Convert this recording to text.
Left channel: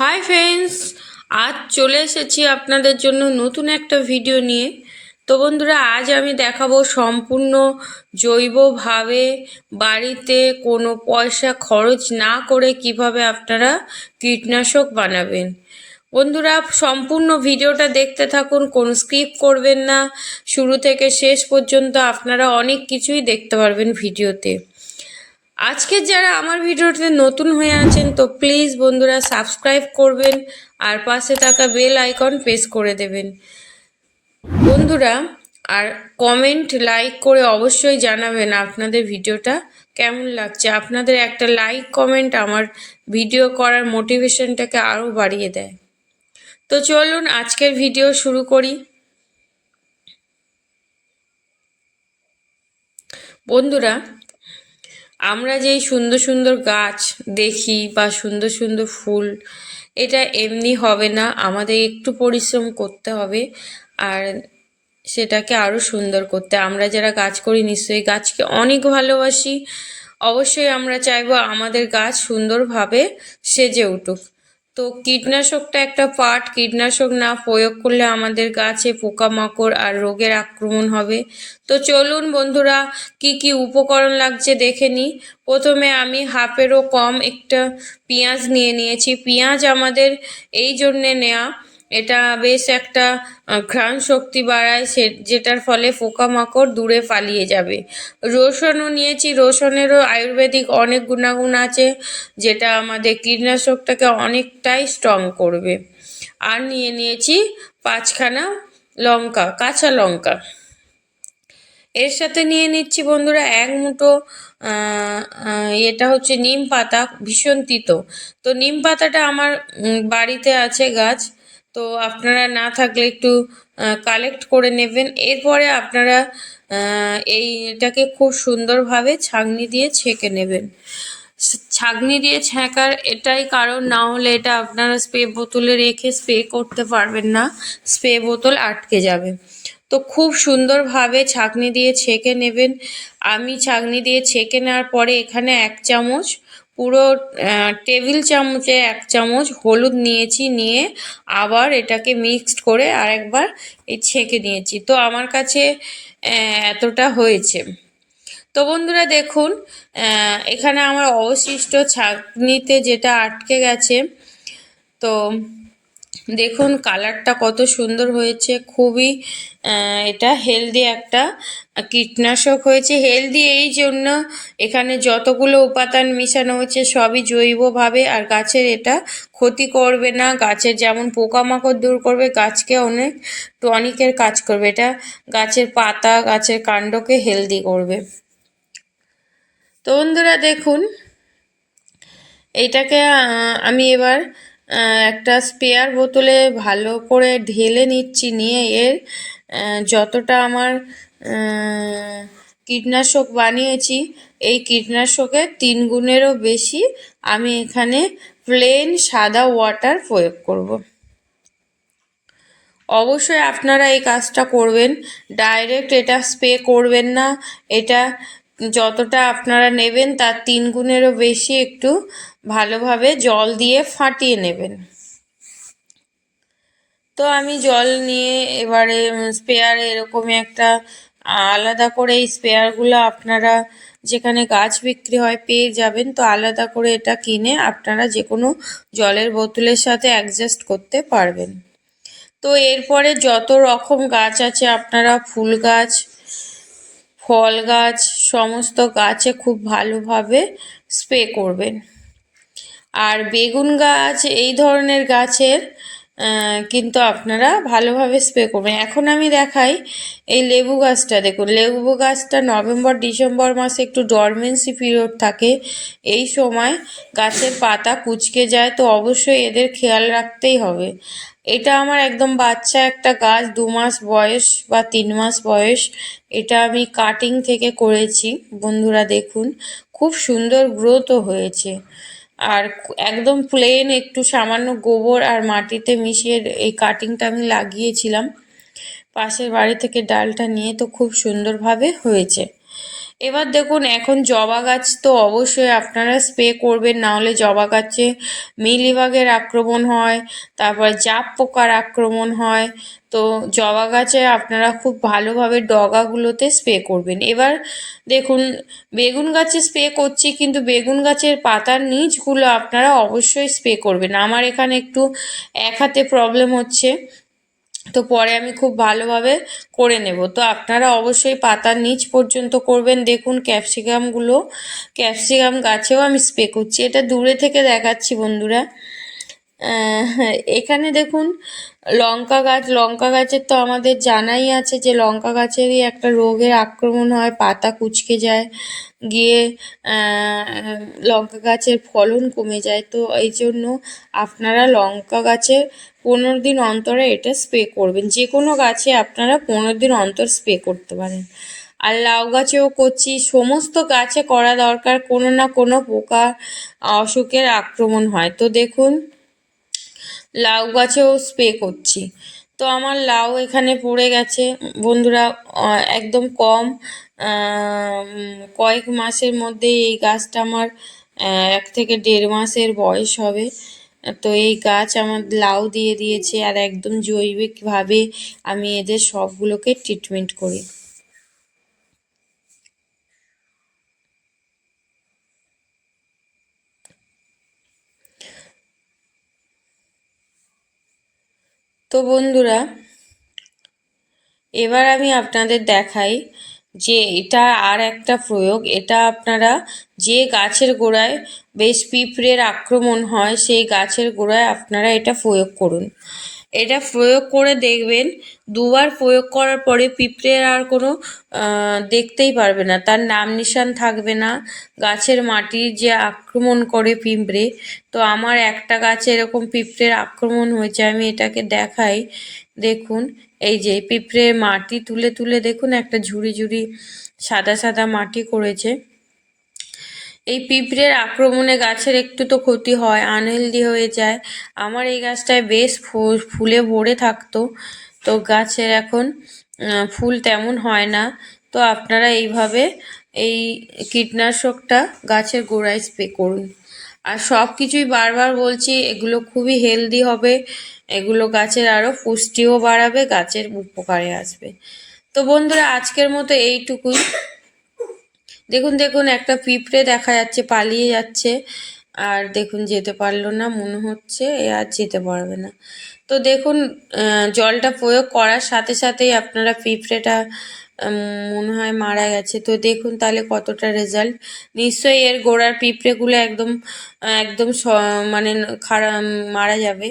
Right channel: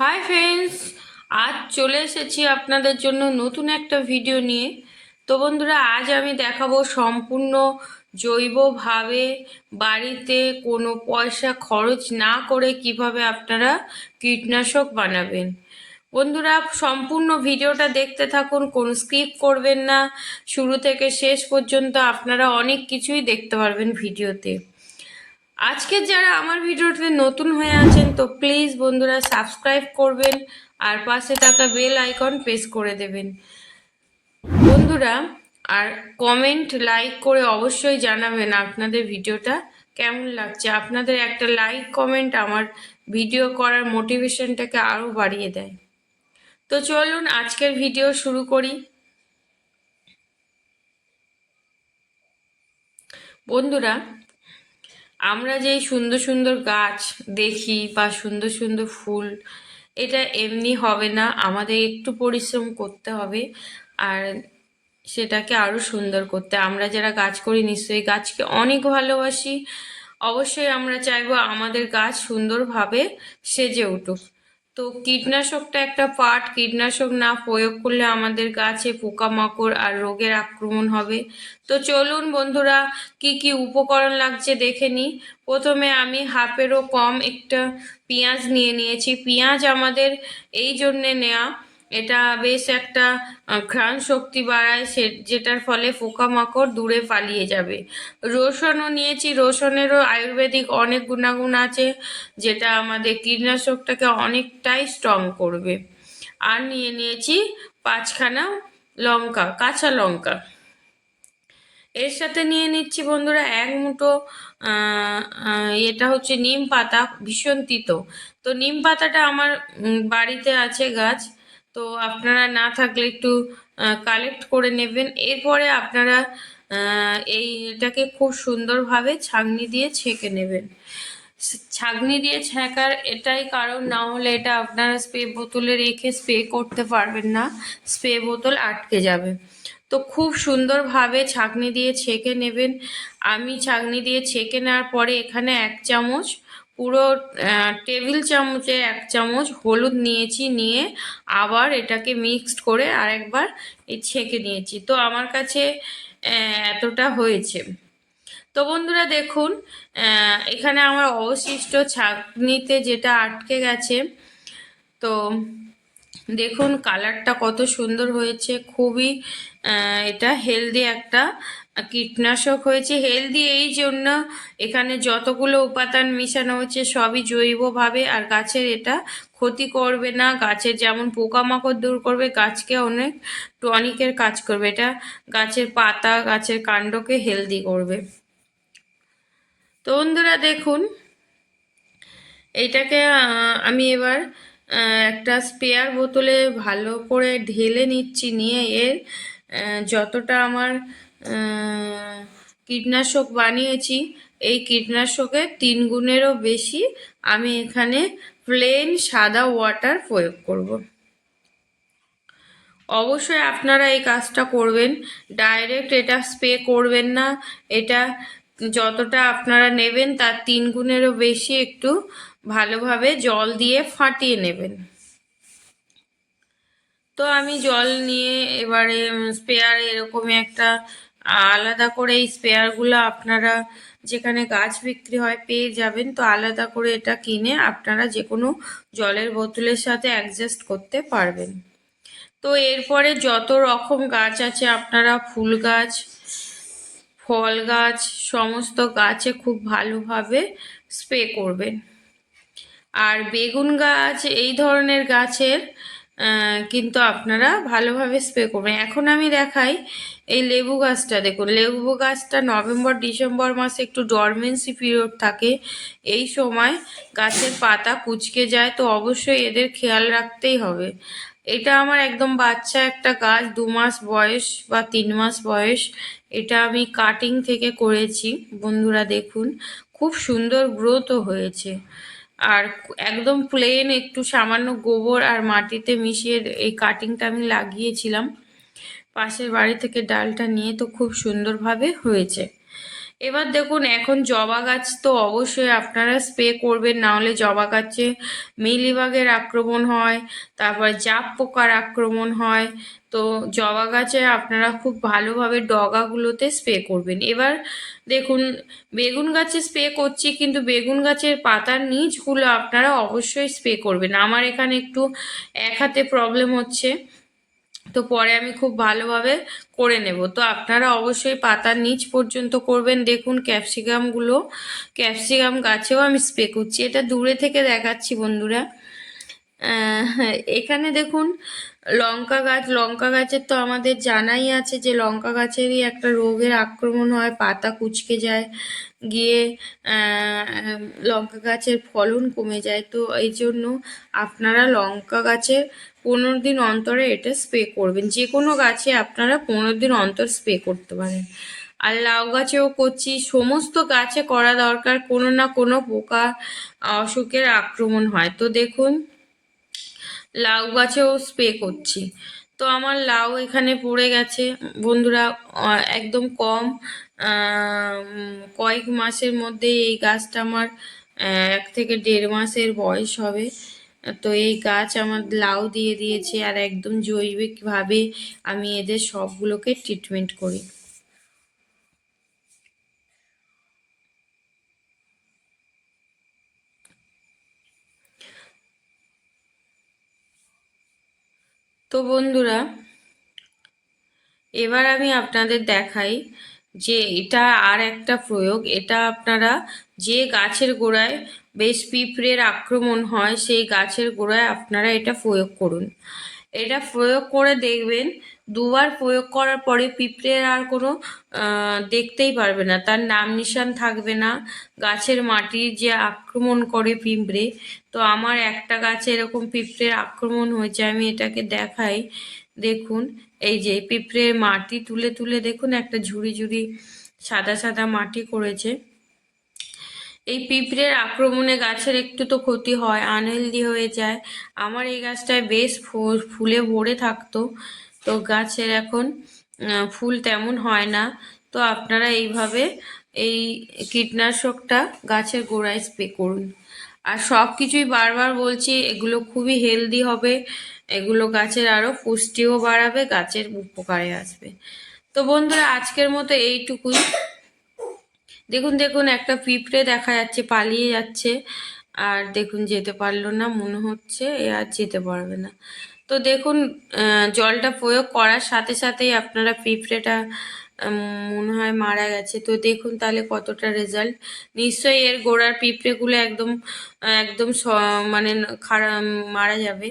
Hi friends, আজ চলে এসেছি আপনাদের জন্য নতুন একটা ভিডিও নিয়ে। তো বন্ধুরা, আজ আমি দেখাবো সম্পূর্ণ জৈবভাবে বাড়িতে কোনো পয়সা খরচ না করে কিভাবে আপনারা কীটনাশক বানাবেন। বন্ধুরা, সম্পূর্ণ ভিডিওটা দেখতে থাকুন, কোনো স্কিপ করবেন না। শুরু থেকে শেষ পর্যন্ত আপনারা অনেক কিছুই দেখতে পারবেন ভিডিওতে। আজকে যারা আমার ভিডিওতে নতুন হয়ে আছেন তো প্লিজ বন্ধুরা সাবস্ক্রাইব করবেন আর পাশে থাকা বেল আইকন প্রেস করে দেবেন বন্ধুরা। আর কমেন্ট লাইক করে অবশ্যই জানাবেন আপনাদের ভিডিওটা কেমন লাগছে। আপনাদের একটা লাইক কমেন্ট আমার ভিডিও করার মোটিভেশনটাকে আরও বাড়িয়ে দেয়। তো চলুন আজকের ভিডিও শুরু করি। বন্ধুরা, আমরা যেই সুন্দর সুন্দর গাছ দেখি বা সুন্দর সুন্দর ফুল, এটা এমনি হবে না, আমাদের একটু পরিশ্রম করতে হবে আর সেটাকে আরও সুন্দর করতে। আমরা যারা গাছ করি নিশ্চয়ই গাছকে অনেক ভালোবাসি, অবশ্যই আমরা চাইবো আমাদের গাছ সুন্দরভাবে সেজে উঠুক। তো কীটনাশকটা একটা পার্ট, কীটনাশক না প্রয়োগ করলে আমাদের গাছে পোকামাকড় আর রোগের আক্রমণ হবে। তো চলুন বন্ধুরা, কি কি উপকরণ লাগছে দেখে নিই। প্রথমে আমি হাফেরও কম একটা পেঁয়াজ নিয়েছি। পেঁয়াজ আমাদের এই জন্যে নেওয়া, এটা বেশ একটা ঘ্রাণ শক্তি বাড়ায়, যেটার ফলে পোকামাকড় দূরে পালিয়ে যাবে। রসুনও নিয়েছি, রসুনেরও আয়ুর্বেদিক অনেক গুণাগুণ আছে, যেটা আমাদের কীটনাশকটাকে অনেকটাই স্ট্রং করবে। আর নিয়েছি 5খানা লঙ্কা, কাঁচা লঙ্কা। এর সাথে নিয়ে নিচ্ছি বন্ধুরা 1 মুঠো এটা হচ্ছে নিম পাতা, ভীষণ তিতো। তো নিম পাতাটা আমার বাড়িতে আছে গাছ, তো আপনারা না থাকলে একটু কালেক্ট করে নেবেন। এরপরে আপনারা এটাকে খুব সুন্দরভাবে ছাঁকনি দিয়ে ছেঁকে নেবেন। ছাঁকনি দিয়ে ছেঁকার এটাই কারণ, না হলে এটা আপনারা স্প্রে বোতলে রেখে স্প্রে করতে পারবেন না, স্প্রে বোতল আটকে যাবে। তো খুব সুন্দরভাবে ছাঁকনি দিয়ে ছেঁকে নেবেন। আমি ছাঁকনি দিয়ে ছেঁকে নেওয়ার পরে এখানে 1 চামচ, পুরো টেবিল চামচে 1 চামচ হলুদ নিয়েছি, নিয়ে আবার এটাকে মিক্সড করে আরেকবার ছেঁকে নিয়েছি। তো আমার কাছে এতটা হয়েছে। তো বন্ধুরা দেখুন, এখানে আমার অবশিষ্ট ছাঁকনিতে যেটা আটকে গেছে, তো দেখুন কালারটা কত সুন্দর হয়েছে। খুবই এটা হেলদি একটা কীটনাশক হয়েছে। হেলদি এই জন্য, এখানে যতগুলো উপাদান মিশানো হয়েছে সবই জৈবভাবে, আর গাছের এটা ক্ষতি করবে না। গাছের যেমন পোকামাকড় দূর করবে, গাছকে অনেক টনিকের কাজ করবে। এটা গাছের পাতা, গাছের কাণ্ডকে হেলদি করবে। তো বন্ধুরা দেখুন, এইটাকে আমি এবার একটা স্পেয়ার বোতলে ভালো করে ঢেলে নিচ্ছি, নিয়ে এর যতটা আমার কীটনাশক বানিয়েছি, এই কীটনাশকের 3 গুণেরও বেশি আমি এখানে প্লেন সাদা ওয়াটার প্রয়োগ করব। অবশ্যই আপনারা এই কাজটা করবেন, ডাইরেক্ট এটা স্প্রে করবেন না। এটা যতটা আপনারা নেবেন তার 3 গুণেরও বেশি একটু ভালোভাবে জল দিয়ে ফাটিয়ে নেবেন। তো আমি জল নিয়ে এবারে স্পেয়ারে এরকমই একটা আলাদা করে, এই স্পেয়ারগুলো আপনারা যেখানে গাছ বিক্রি হয় পেয়ে যাবেন। তো আলাদা করে এটা কিনে আপনারা যে কোনো জলের বোতলের সাথে অ্যাডজাস্ট করতে পারবেন। তো এরপরে যত রকম গাছ আছে, আপনারা ফুল গাছ, ফল গাছ, সমস্ত গাছে খুব ভালোভাবে স্প্রে করবেন। আর বেগুন গাছ, এই ধরনের গাছের কিন্তু আপনারা ভালোভাবে স্প্রে করবেন। এখন আমি দেখাই এই লেবু গাছটা। দেখুন, লেবু গাছটা নভেম্বর ডিসেম্বর মাসে একটু ডরমেন্সি পিরিয়ড থাকে, এই সময় গাছের পাতা কুঁচকে যায়। তো অবশ্যই এদের খেয়াল রাখতেই হবে। এটা আমার একদম বাচ্চা একটা গাছ, 2 মাস বয়স বা 3 মাস বয়স। এটা আমি কাটিং থেকে করেছি বন্ধুরা। দেখুন খুব সুন্দর গ্রোথও হয়েছে। আর একদম প্লেন, একটু সামান্য গোবর আর মাটিতে মিশিয়ে এই কাটিংটা আমি লাগিয়েছিলাম পাশের বাড়ি থেকে ডালটা নিয়ে। তো খুব সুন্দরভাবে হয়েছে। এবার দেখুন, এখন জবা গাছ তো অবশ্যই আপনারা স্প্রে করবেন, না হলে জবা গাছে মিলিবাগের আক্রমণ হয়, তারপর জাপ পোকার আক্রমণ হয়। তো জবা গাছে আপনারা খুব ভালোভাবে ডগাগুলোতে স্প্রে করবেন। এবার দেখুন, বেগুন গাছে স্প্রে করছি, কিন্তু বেগুন গাছের পাতার নিচগুলো আপনারা অবশ্যই স্প্রে করবেন। আমার এখানে একটু এক হাতে প্রবলেম হচ্ছে, তো পরে আমি খুব ভালোভাবে করে নেব। তো আপনারা অবশ্যই পাতার নিচ পর্যন্ত করবেন। দেখুন ক্যাপসিকামগুলো, ক্যাপসিকাম গাছেও আমি স্প্রে করছি, এটা দূরে থেকে দেখাচ্ছি বন্ধুরা। এখানে দেখুন লঙ্কা গাছ, লঙ্কা গাছের তো আমাদের জানাই আছে যে লঙ্কা গাছেরই একটা রোগের আক্রমণ হয়, পাতা কুঁচকে যায়, গিয়ে লঙ্কা গাছের ফলন কমে যায়। তো এই জন্য আপনারা লঙ্কা গাছে 15 দিন অন্তরে এটা স্প্রে করবেন। যে কোনো গাছে আপনারা 15 দিন অন্তর স্প্রে করতে পারেন। আর লাউ গাছেও করছি, সমস্ত গাছে করা দরকার, কোনো না কোনো পোকা অসুখের আক্রমণ হয়। তো দেখুন লাউ গাছেও স্প্রে করছি। তো আমার লাউ এখানে পড়ে গেছে বন্ধুরা, একদম কম, কয়েক মাসের মধ্যে এই গাছটা আমার 1 থেকে 1.5 মাসের বয়স হবে। তো এই গাছ আমার লাউ দিয়ে দিয়েছে, আর একদম জৈবিকভাবে আমি এদের সবগুলোকে ট্রিটমেন্ট করি। তো বন্ধুরা, এবার আমি আপনাদের দেখাই যে এটা আর একটা প্রয়োগ। এটা আপনারা যে গাছের গোড়ায় বেশ পিঁপড়ের আক্রমণ হয়, সেই গাছের গোড়ায় আপনারা এটা প্রয়োগ করুন। এটা প্রয়োগ করে দেখবেন, 2বার প্রয়োগ করার পরে পিঁপড়ের আর কোনো দেখতেই পারবে না, তার নাম নিশান থাকবে না। গাছের মাটির যে আক্রমণ করে পিঁপড়ে, তো আমার একটা গাছে এরকম পিঁপড়ের আক্রমণ হয়েছে, আমি এটাকে দেখাই। দেখুন, এই যে পিঁপড়ের মাটি তুলে তুলে দেখুন একটা ঝুড়ি ঝুড়ি সাদা সাদা মাটি করেছে। এই পিঁপড়ের আক্রমণে গাছের একটু তো ক্ষতি হয়, আনহেলদি হয়ে যায়। আমার এই গাছটায় বেশ ফুলে ভরে থাকতো, তো গাছের এখন ফুল তেমন হয় না। তো আপনারা এইভাবে এই কীটনাশকটা গাছের গোড়ায় স্প্রে করুন। আর সব কিছুই বারবার বলছি, এগুলো খুবই হেলদি হবে, এগুলো গাছের আরও পুষ্টিও বাড়াবে, গাছের উপকারে আসবে। তো বন্ধুরা, আজকের মতো এইটুকুই। দেখুন দেখুন একটা পিঁপড়ে দেখা যাচ্ছে, পালিয়ে যাচ্ছে, আর দেখুন যেতে পারলো না, মনে হচ্ছে এ আর যেতে পারবে না। তো দেখুন জলটা প্রয়োগ করার সাথে সাথেই আপনারা পিঁপড়েটা মনে হয় মারা গেছে। তো দেখুন তাহলে কতটা রেজাল্ট। নিশ্চয়ই এর গোড়ার পিঁপড়েগুলো একদম একদম মানে খারাপ মারা যাবে।